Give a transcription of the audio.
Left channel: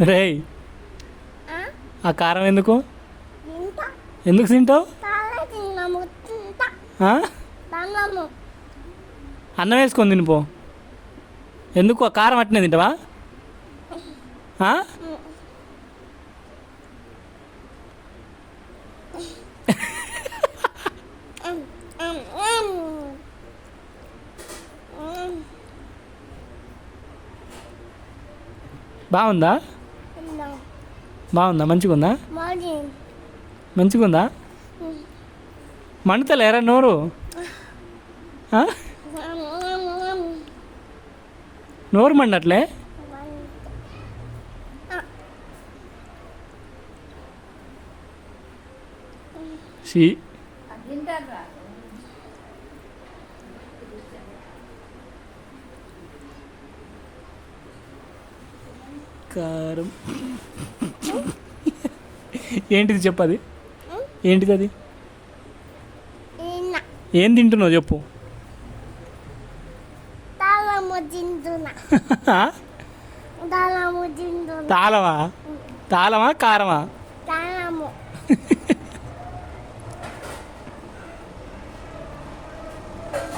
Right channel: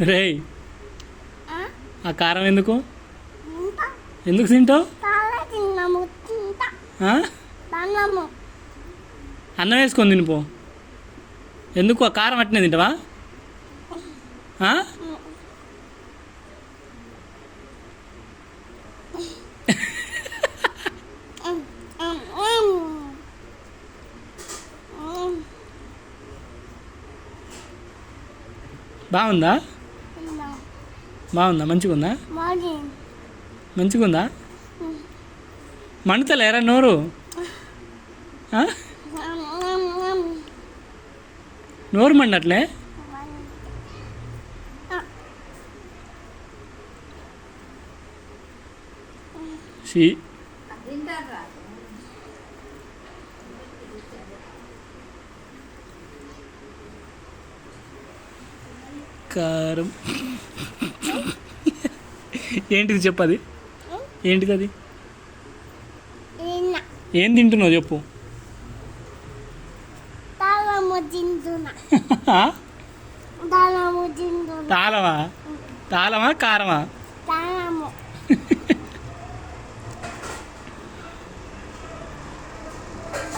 రేయ్. ఆ? కారం ఎందుకు? ఎందుకు తింటావు? అన్నం వేసుకొని తినిపో ఎందుకు? ఆ కారం అట్నే తింటావా? బాగుందా. బాగుందా? మంచిగా ఉందా మరి మంచిగా ఉందా మండుతలేరా నోరు. నోరు మండట్లే? షీ. కారం. ఏంటిది చెప్పది ఏంటిది అది. ఏం తింటున్నావు చెప్పు. తాళము తాళము తింటున్నా. తాళమా? తాళమా? కారమా? తాళము.